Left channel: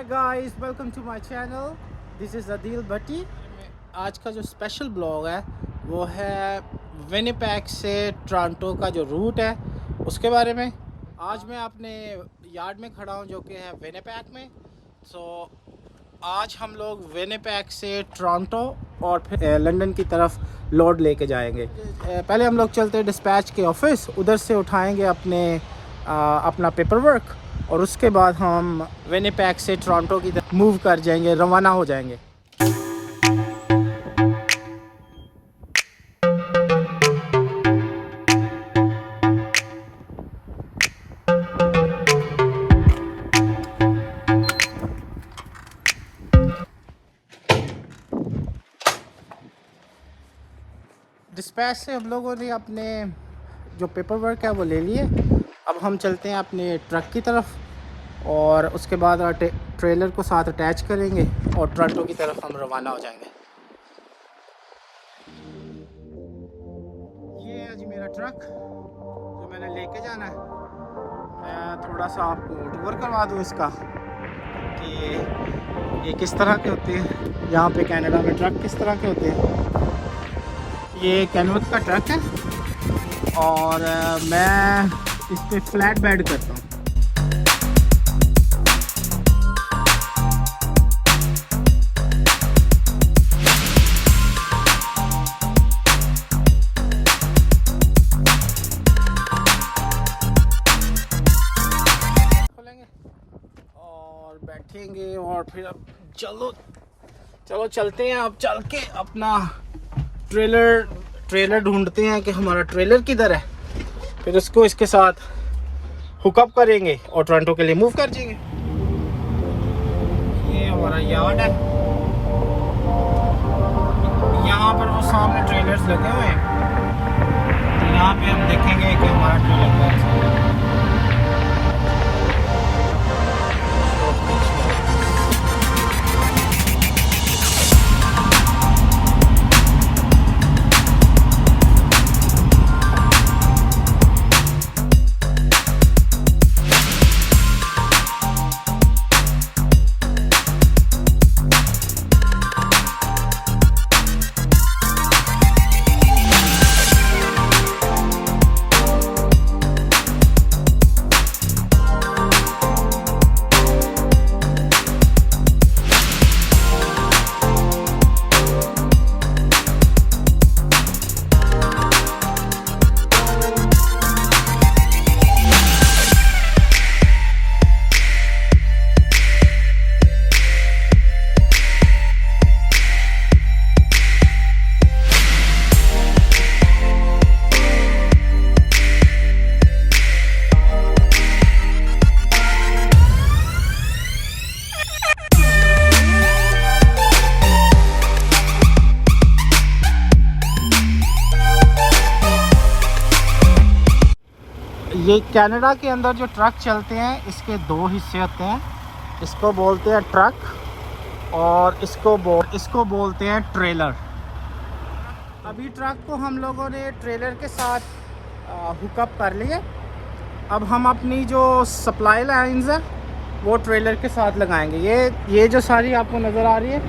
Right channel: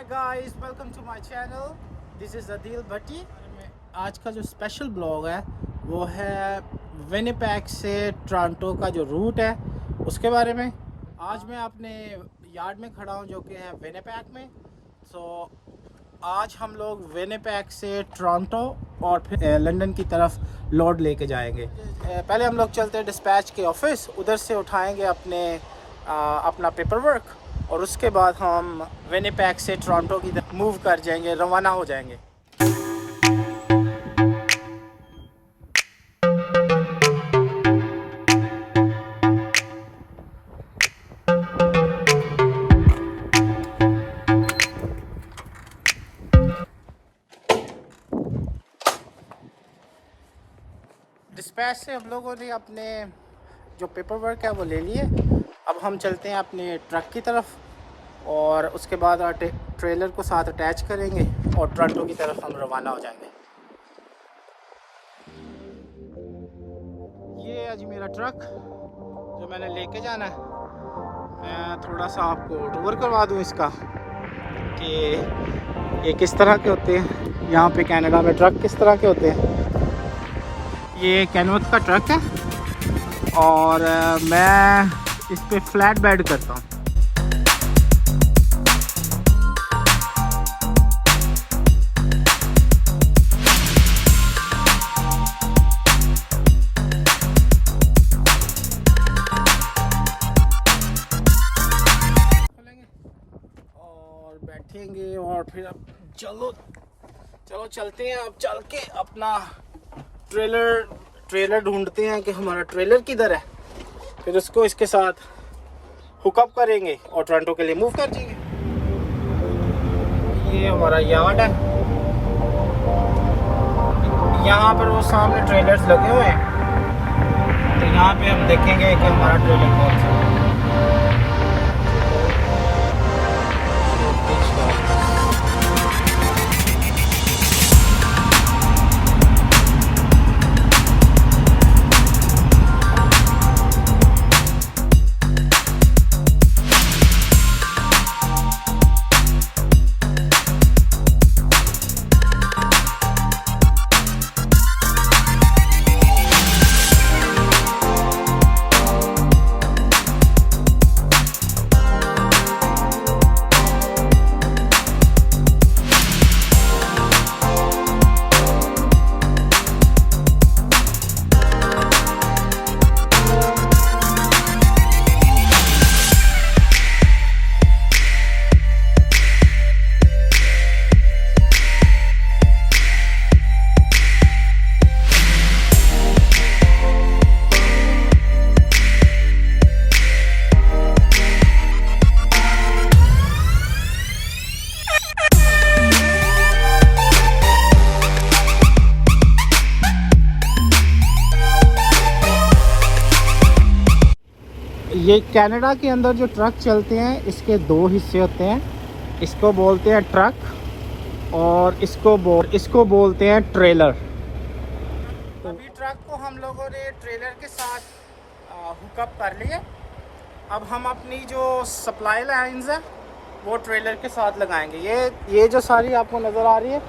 Hi guys, welcome to my channel. This is Adeel Bhatti. आज का जो स्पेशल ब्लॉग है वो है विनिपेग से टोरंटो का जो रूट है उसके बारे में। आज मैं अपने यार्ड में खड़ा हूँ जो कि है विनिपेग में। आज हम लोग विनिपेग से टोरंटो और फिर लंदन की तरफ लोड लेके जाएंगे। पहले हम लोग चलते हैं डिस्पैच के ऑफिस, उधर से उठाएंगे अपना पेपर वर्क और उसके बाद हम विनिपेग से टोरंटो की तरफ मूव कर जाएंगे, रवाना हो जाएंगे। डिस्पैच से हम लोगों ने अपने जो पेपर वर्क है वो ले लिए। अब हम चलते हैं अपने ट्रक की तरफ और उसके बाद ट्रेलर को साथ अटैच करेंगे और टोरंटो की तरफ हम रवाना हो जाएंगे। ये है जी मेरा ट्रक जो मैंने लेके जाना है। मैं थोड़ा सा आपको टूर करवा दूँ इसका कि ये किस तरह के होते हैं। यहाँ पे कनाडा में ट्रक किस तरह के होते हैं। ये कैनवस का ट्रक है और मैं इस पे फ्लैट बेड करता हूँ। खोलेंगे और बैठेंगे और फिर अब चलो चलते हैं। अब चल के अपना ट्रेलर ढूंढते हैं कि हमारा ट्रेलर किधर है, फिर उसको इसके साथ हुकअप करेंगे और टोरंटो के लिए मूव कर जाएंगे। ये हमारा यार्ड है। यहाँ पर वो सामने ट्रेलर्स लगे हुए हैं, तो यहाँ पे हम देखेंगे कि हमारा ट्रेलर कौन सा है। ये कनाडा के अंदर जो ट्रक चलते हैं इसके दो हिस्से होते हैं। इसको बोलते हैं ट्रक और इसको बोलते हैं ट्रेलर। अभी ट्रक को हम लोगों ने ट्रेलर के साथ हुकअप कर लिए। अब हम अपनी जो सप्लाई लाइंस है वो ट्रेलर के साथ लगाएंगे। ये जो सारी आपको नज़र आ रही है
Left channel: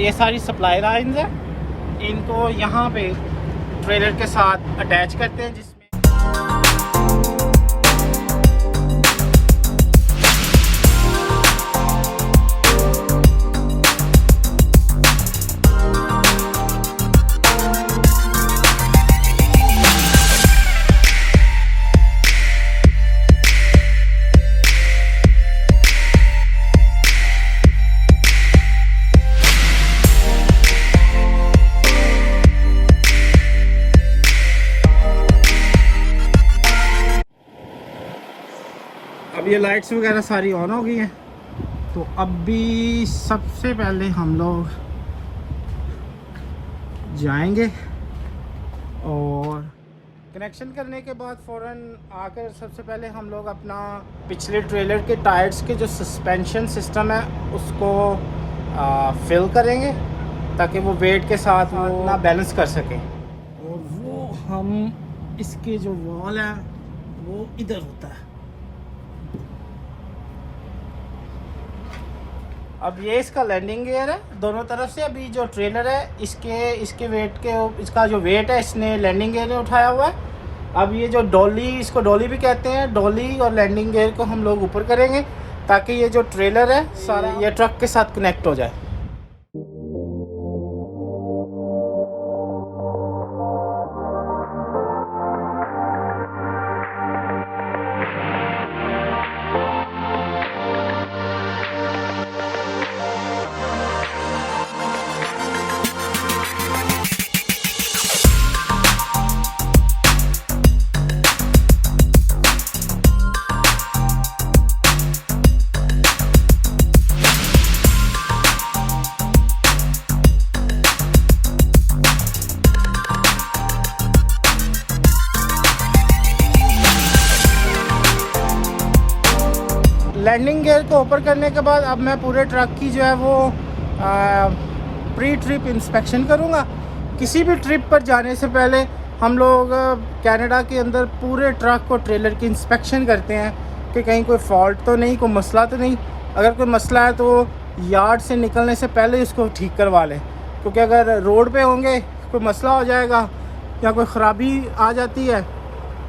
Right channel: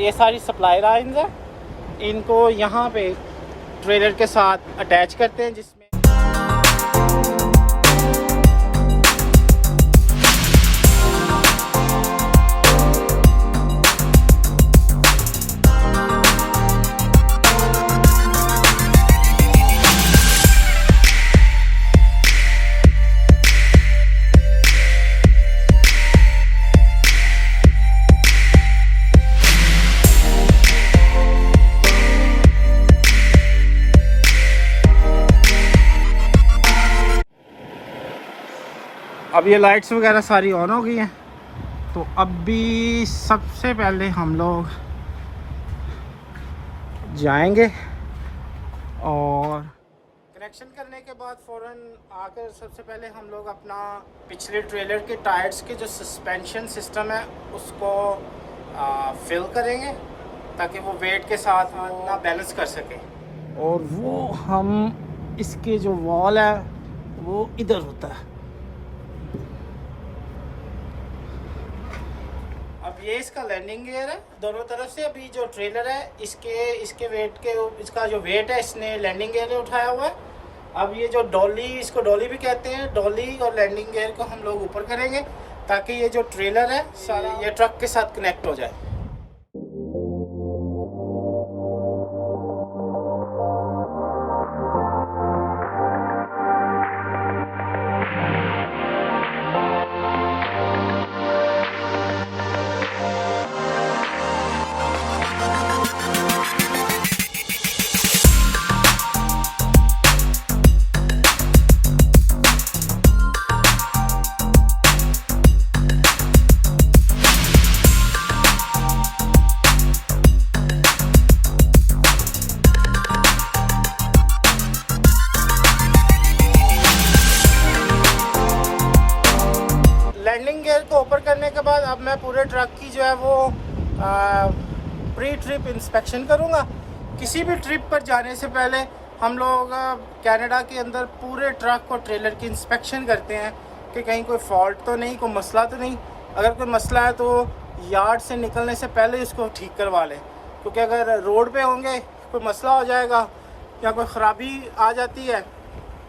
ये सारी सप्लाई लाइंस है। इनको यहाँ पे ट्रेलर के साथ अटैच करते हैं, जिसमें अब ये लाइट्स वगैरह सारी ऑन हो गई हैं। तो अभी सबसे पहले हम लोग जाएंगे और कनेक्शन करने के बाद फ़ौरन आकर सबसे पहले हम लोग अपना पिछले ट्रेलर के टायर्स के जो सस्पेंशन सिस्टम है उसको फिल करेंगे ताकि वो वेट के साथ वो ना बैलेंस कर सके। और वो हम इसके जो वॉल है वो इधर होता है। अब ये इसका लैंडिंग गियर है दोनों तरफ से। अभी जो ट्रेलर है इसके वेट के, इसका जो वेट है इसने लैंडिंग गियर ने उठाया हुआ है। अब ये जो डॉली, इसको डॉली भी कहते हैं, डॉली और लैंडिंग गियर को हम लोग ऊपर करेंगे ताकि ये जो ट्रेलर है सारा ये ट्रक के साथ कनेक्ट हो जाए। लैंडिंग गियर को ऊपर करने के बाद अब मैं पूरे ट्रक की जो है वो प्री ट्रिप इंस्पेक्शन करूँगा। किसी भी ट्रिप पर जाने से पहले हम लोग कनाडा के अंदर पूरे ट्रक को, ट्रेलर की इंस्पेक्शन करते हैं कि कहीं कोई फॉल्ट तो नहीं, कोई मसला तो नहीं। अगर कोई मसला है तो यार्ड से निकलने से पहले इसको ठीक करवा लें, क्योंकि अगर रोड पे होंगे कोई मसला हो जाएगा या कोई ख़राबी आ जाती है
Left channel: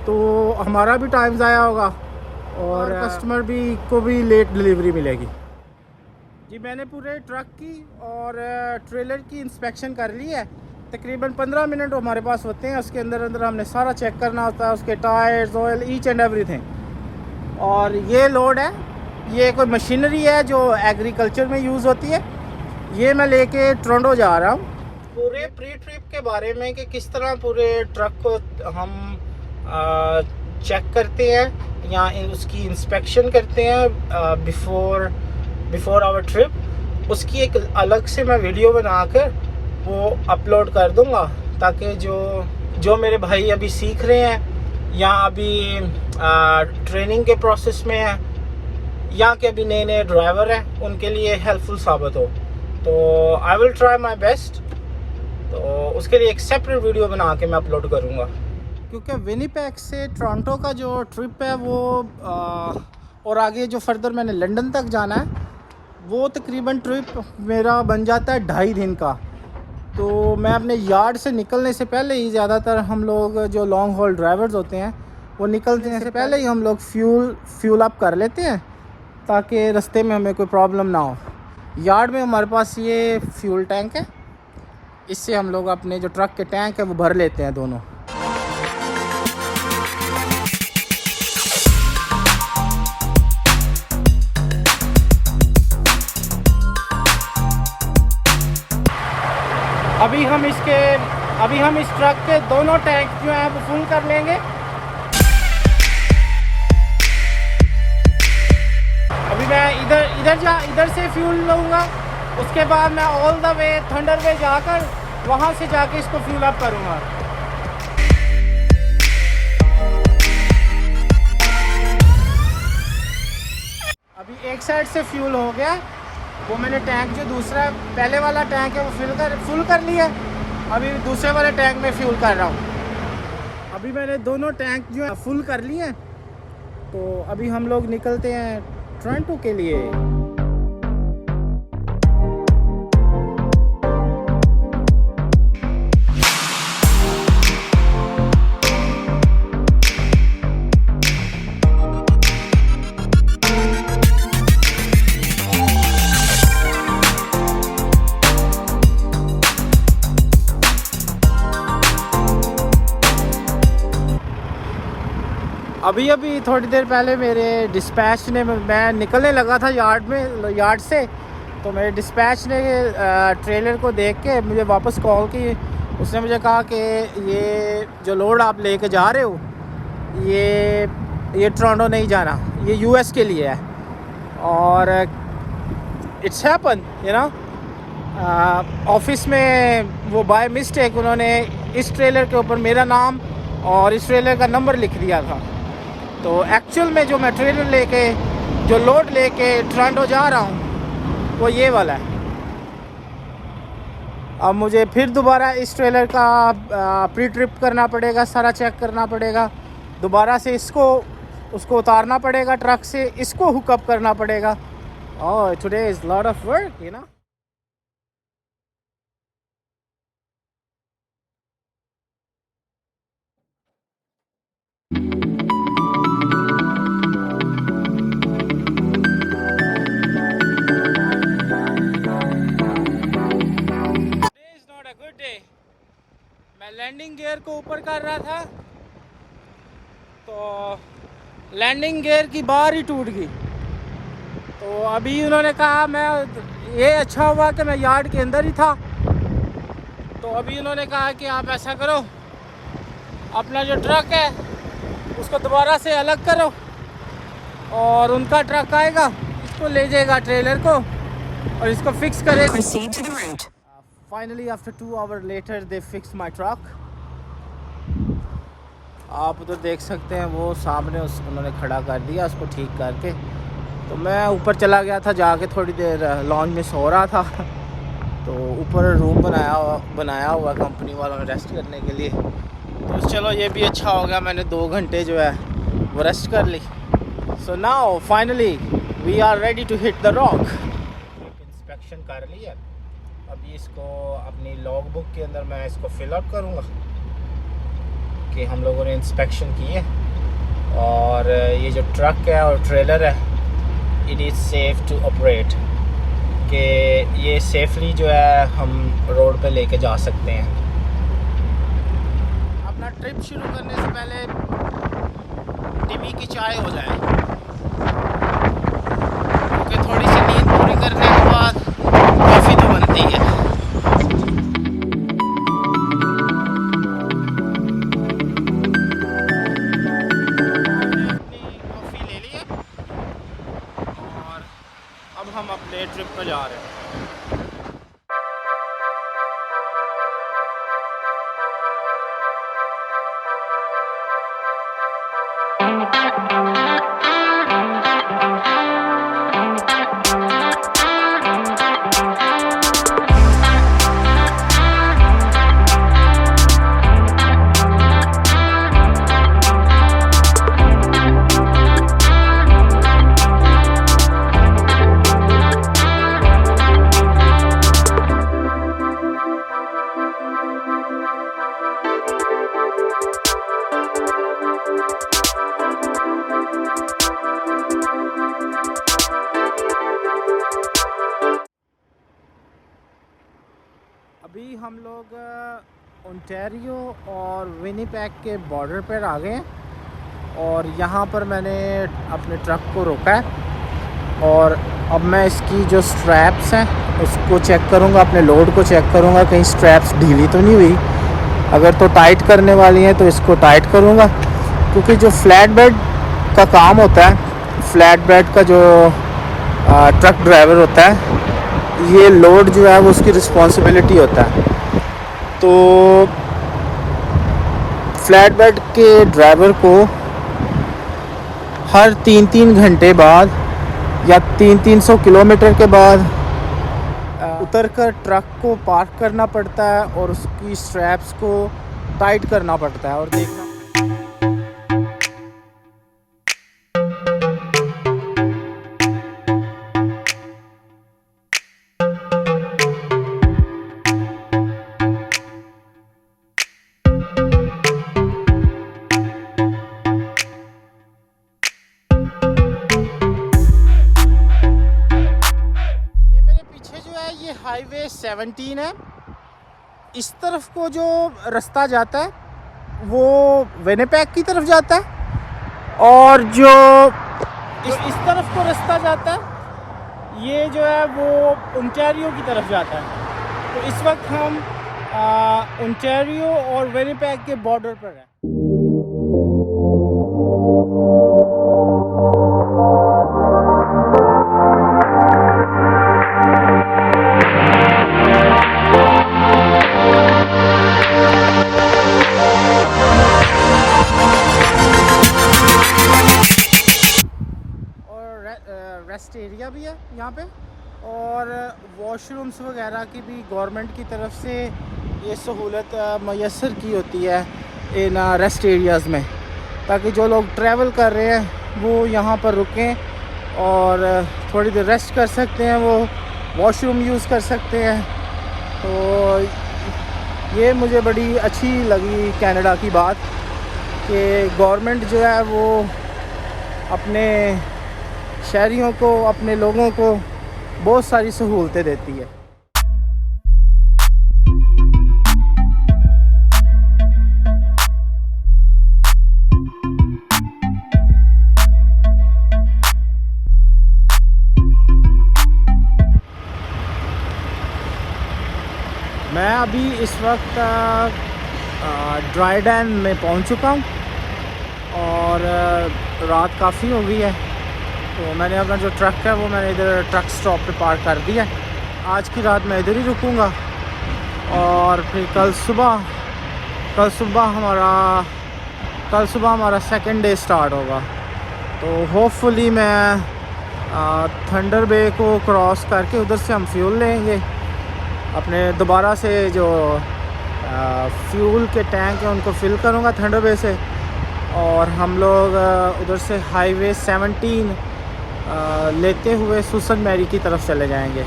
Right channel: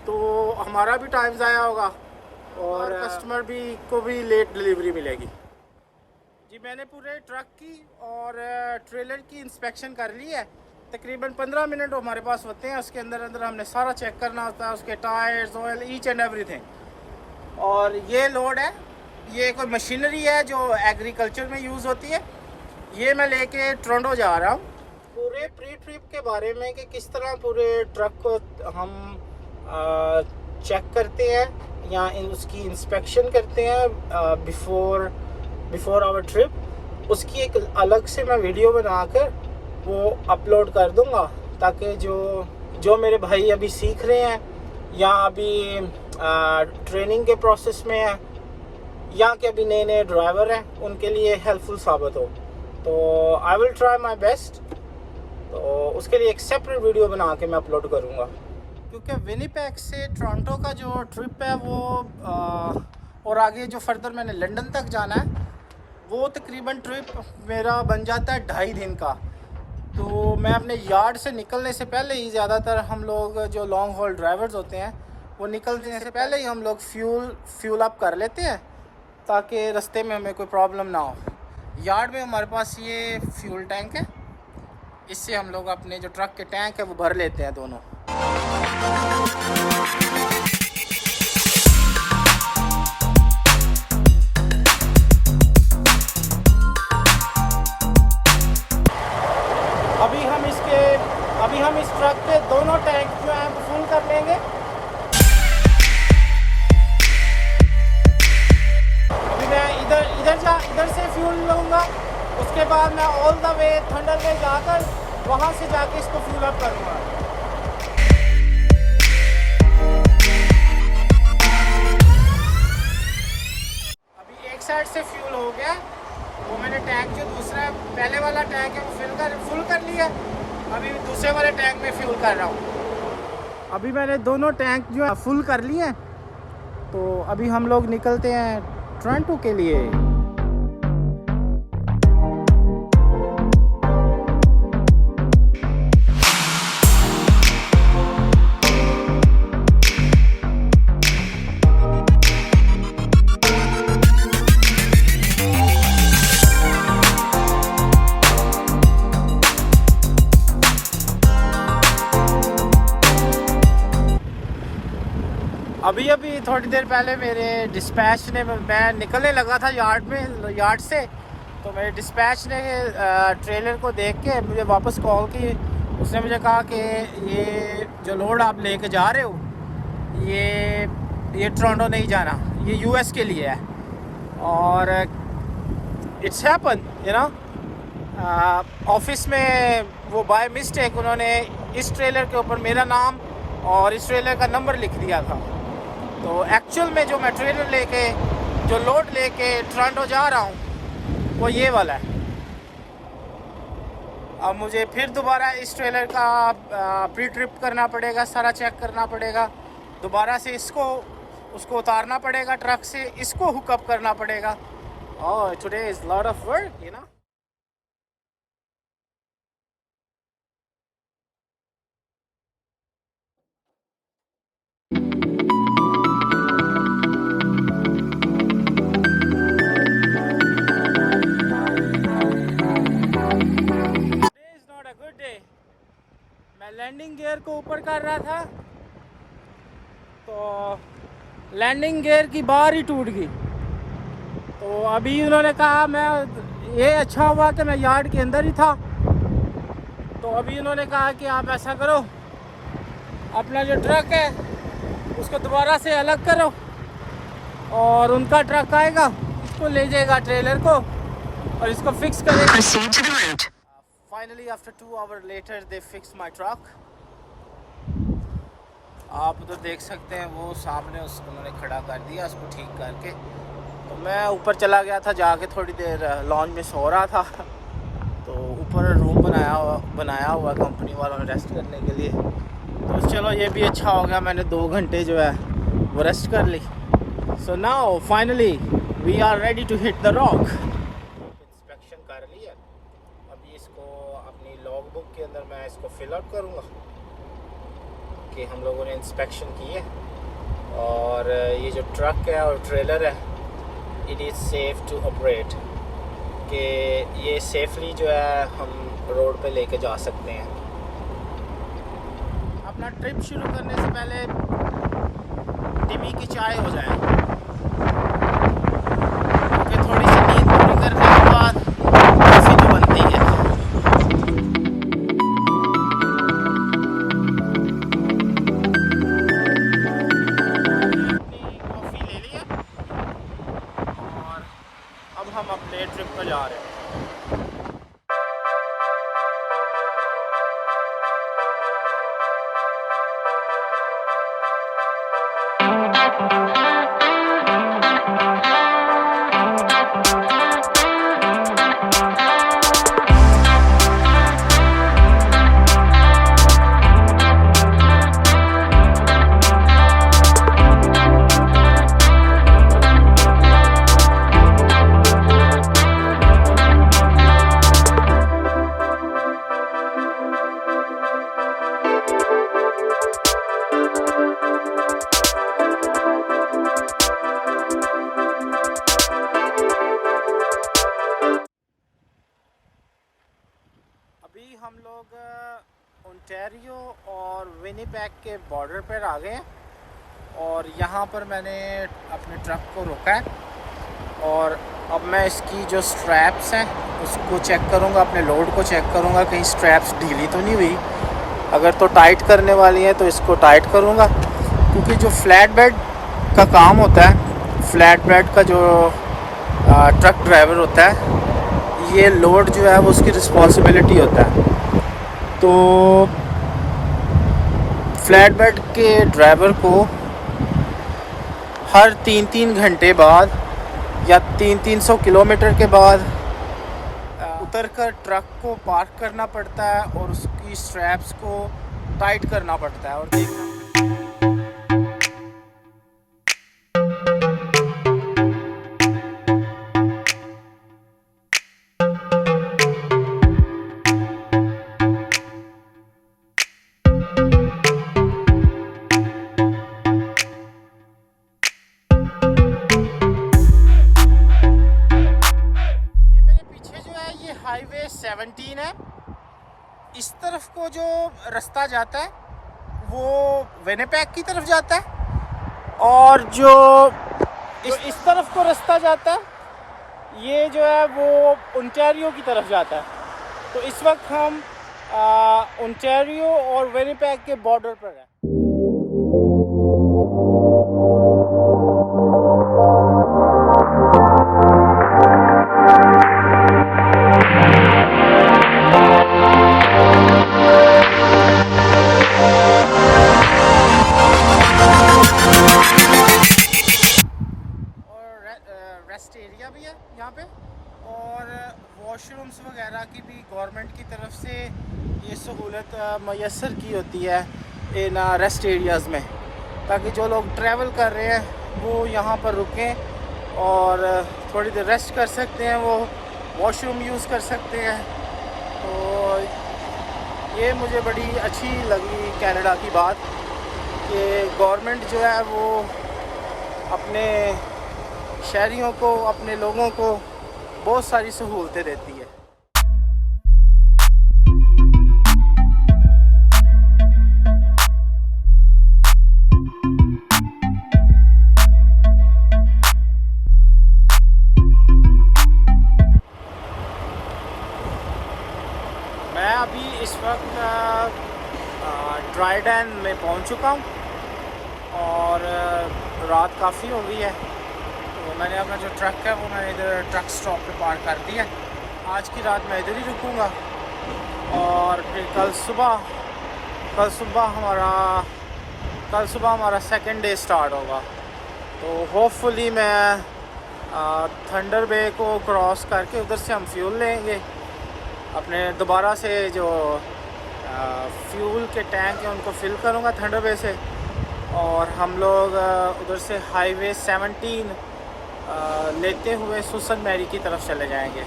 तो हमारा भी टाइम ज़ाया होगा और कस्टमर को भी लेट डिलीवरी मिलेगी। जी मैंने पूरे ट्रक की और ट्रेलर की इंस्पेक्शन कर ली है। तकरीबन 15 मिनट हमारे पास होते हैं। उसके अंदर हमने सारा चेक करना होता है, उसके tyres, oil, each and everything. और ये लोड है, ये कोई मशीनरी है जो एग्रीकल्चर में यूज़ होती है। ये मैं लेके टोरंटो जा रहा हूँ। पूरे प्री ट्रिप के बारे में कि किस तरह पूरे ट्रक को हम चेक करते हैं या उसकी इंस्पेक्शन करते हैं बिफोर आवर ट्रिप, उसकी एक अलग से मैं वीडियो बनाकर वो अपलोड कर दूंगा ताकि जो मेरे भाई अभी सीख रहे हैं या अभी ट्रेनिंग के प्रोसेस में है या कि अभी नए नए ड्राइवर हैं उनके लिए हेल्पफुल साबित हो। तो I will try my best. तो उसके लिए एक सेपरेट वीडियो बना के मैं अपलोड करूँगा, क्योंकि विनिपेग से टोरंटो का जो ट्रिप है वो और आगे जो फर्दर मैंने लंदन तक जाना है वो तकरीबन ट्रिप मेरा बन जाता है 2.5 दिन का। तो मैं अपने यार्ड से निकलने से पहले ही, ज़्यादातर हम लोग जो लॉन्ग हॉल ड्राइवर्स होते हैं वो निकलने से पहले ही हम लोग फ्यूल अप कर लेते हैं ताकि रास्ते में हमें कोई प्रॉब्लम ना हो। यार्ड में हमारे पास ये फ्यूल टैंक है, इससे हम लोग अपने जो ट्रक के टैंक है वो भर लेते हैं दोनों। अभी हम इस ट्रक के दोनों टैंक जो हैं वो फुल कर लेंगे। अभी मैं इधर से फ्यूल लूँगा, उसके बाद मैं ऑल द वे थंडर वे जाकर वहाँ से जाके इसको फ्यूल अप करूँगा। अभी एक साइड से फ्यूल हो गया, वो मैंने टैंक जो दूसरा पहले वाला टैंक है वो फुल कर लिया। अभी दूसरे वाले टैंक में फ्यूल कर रहा हूँ। अभी मैंने दोनों टैंक जो है फुल कर लिए हैं। तो अभी हम लोग निकलते हैं टोरंटो के लिए। अभी थोड़ी देर पहले मेरे डिस्पैच ने, मैं निकलने लगा था यार्ड से, तो मेरे डिस्पैच ने ट्रेलर को देख के मुझे वापस कॉल की। उसने मुझे कहा कि ये जो लोड आप लेके जा रहे हो ये टोरंटो नहीं जाना, ये यूएस के लिए है। और इट्स हैपन ऑफिस में वो बाय मिस्टेक उन्होंने इस ट्रेलर के ऊपर मेरा नाम और इस ट्रेलर का नंबर लिख दिया था। तो एक्चुअल में जो मैं ट्रेलर लेके, जो लोड लेके टोरंटो जा रहा हूँ वो ये वाला है। अब मुझे फिर दोबारा इस ट्रेलर का प्री ट्रिप करना पड़ेगा, सारा चेक करना पड़ेगा, दोबारा से उसको उतारना पड़ेगा ट्रक से, इसको हुकअप करना पड़ेगा Oh, today is a lot of work, you know. Today is not a good day. मैं लैंडिंग गियर को ऊपर कर रहा था तो लैंडिंग गियर की बार ही टूट गई। तो अभी उन्होंने कहा, मैं ये अच्छा हुआ कि मैं यार्ड के अंदर ही था। तो अभी उन्होंने कहा कि आप ऐसा करो, अपना जो ट्रक है उसको दोबारा से अलग करो और उनका ट्रक आएगा, इसको ले जाएगा ट्रेलर को और इसको फिक्स करेगा। Finally after 2 hour later they fix my truck. आप उधर देख सकते हैं वो सामने उन्होंने खड़ा कर दिया उसको ठीक करके। तो मैं ऊपर चला गया था, जाके थोड़ी देर लॉन्च में सो रहा था। तो ऊपर रूम बनाया हुआ कंपनी वालों ने रेस्ट करने के लिए। तो चलो ये भी अच्छा हो गया, मैंने 2 घंटे जो है वो रेस्ट कर ली। So now finally we are ready to hit the rock. Inspection कर लिया, अभी इसको अपनी लॉग बुक के अंदर मैं इसको फिल आउट करूँगा कि हम लोगों ने इंस्पेक्शन की है। और ये जो ट्रक है और ट्रेलर है, it is safe to operate, कि ये सेफली जो है हम रोड पे लेके जा सकते हैं। अपना ट्रिप शुरू करने से पहले टिमी की चाय हो जाए, क्योंकि थोड़ी सी नींद पूरी करने के बाद कॉफ़ी तो बनती है। कॉफ़ी ले लिया और अब हम अपने ट्रिप पर जा रहे हैं। अभी हम लोग ओंटारियो और विनिपेग के बॉर्डर पर आ गए हैं और यहाँ पर मैंने अपने ट्रक को रोका है और अब मैं इसकी जो स्ट्रैप्स हैं उसको चेक करूँगा, अपने लोड को चेक करूँगा कहीं स्ट्रैप्स ढीली तो नहीं हुई। अगर तो टाइट करने वाली हैं तो इसको टाइट करूँगा, क्योंकि जो फ्लैट बेड का काम होता है, फ्लैट बेड का जो ट्रक ड्राइवर होता है, ये लोड जो है वो उसकी रिस्पॉन्सिबिलिटी होता है। तो फ्लैट बेड के ड्राइवर को हर 3-3 घंटे बाद या 300 किलोमीटर के बाद उतरकर ट्रक को पार्क करना पड़ता है और उसकी स्ट्रैप्स को टाइट करना पड़ता है। और देखना हाईवे 17 है, इस तरफ को जो रास्ता जाता है वो विनिपेग की तरफ जाता है और जो इस तरफ को रास्ता जाता है ये जो है वो ओंटारियो की तरफ जाता है। तो इस वक्त हम ओंटारियो और विनिपेग के बॉर्डर पर हैं। रेस्ट एरिया भी है यहाँ पे और वॉशरूम्स वगैरह की भी गवर्नमेंट की तरफ से ये सहूलत मैसर की होती है इन रेस्ट एरियाज़ में, ताकि जो लोग ट्रैवल कर रहे हैं वो यहाँ पर रुकें और थोड़ी देर रेस्ट कर सकते हैं, वो वॉशरूम यूज़ कर सकते हैं। तो ये मुझे बड़ी अच्छी लगी कनाडा की बात कि गवर्नमेंट जो है वो अपने शहरियों को, अपने लोगों को बहुत सारी सहूलतें देती है। मैं अभी इस वक्त ड्राइडन में पहुंच चुका हूं और रात काफ़ी हो गई है, तो मैंने अपना जो ट्रक है वो मैंने इधर ट्रक स्टॉप पे पार्क कर दिया है। आज की रात मैं इधर ही रुकूंगा और फिर कल सुबह हमारा सेकंड डे स्टार्ट होगा। तो होपफुली मैं थंडर बे को क्रॉस करके उधर से हम फ्यूल लेंगे, अपने दोबारा से जो फ्यूल के टैंक हैं उनको फिल करूँगा थंडर बे से, और हम लोग उधर से हाईवे 17 लेते हुए सुसन मैरी की तरफ चले जाएंगे।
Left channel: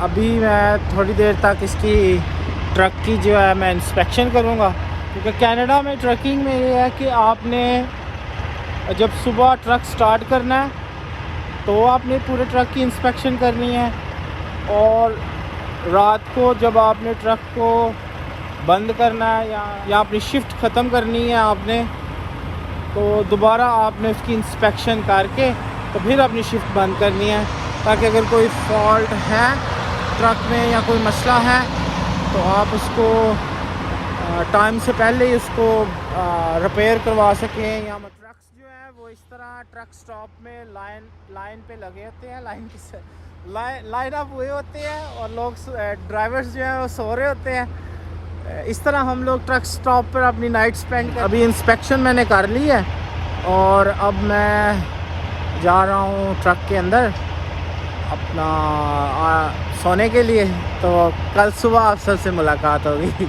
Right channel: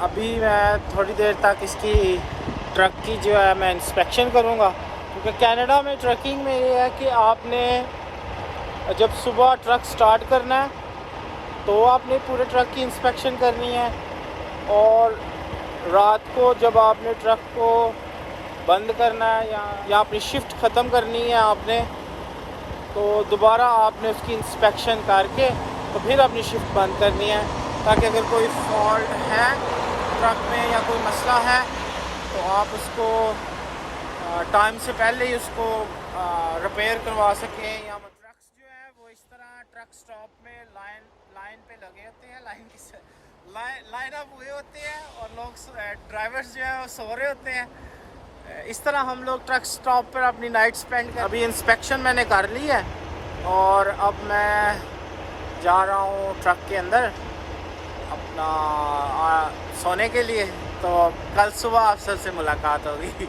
अभी मैं थोड़ी देर तक इसकी ट्रक की जो है मैं इंस्पेक्शन करूँगा, क्योंकि कनाडा में ट्रकिंग में ये है कि आपने जब सुबह ट्रक स्टार्ट करना है तो आपने पूरे ट्रक की इंस्पेक्शन करनी है, और रात को जब आपने ट्रक को बंद करना है या अपनी शिफ्ट ख़त्म करनी है आपने, तो दोबारा आपने उसकी इंस्पेक्शन करके तो फिर अपनी शिफ्ट बंद करनी है, ताकि अगर कोई फॉल्ट है ट्रक में या कोई मसला है तो आप उसको टाइम से पहले ही उसको रिपेयर करवा सकें। या ट्रक्स जो है वो इस तरह ट्रक स्टॉप में लाइन पे लगे होते हैं, लाइन अप हुए होते हैं, और लोग ड्राइवर्स जो हैं वो सो रहे होते हैं। इस तरह हम लोग ट्रक स्टॉप पर अपनी नाइट स्पेंड कर। अभी इंस्पेक्शन मैंने कर ली है और अब मैं जा रहा हूँ ट्रक के अंदर अपना सोने के लिए। तो कल सुबह अफसर से मुलाकात होगी।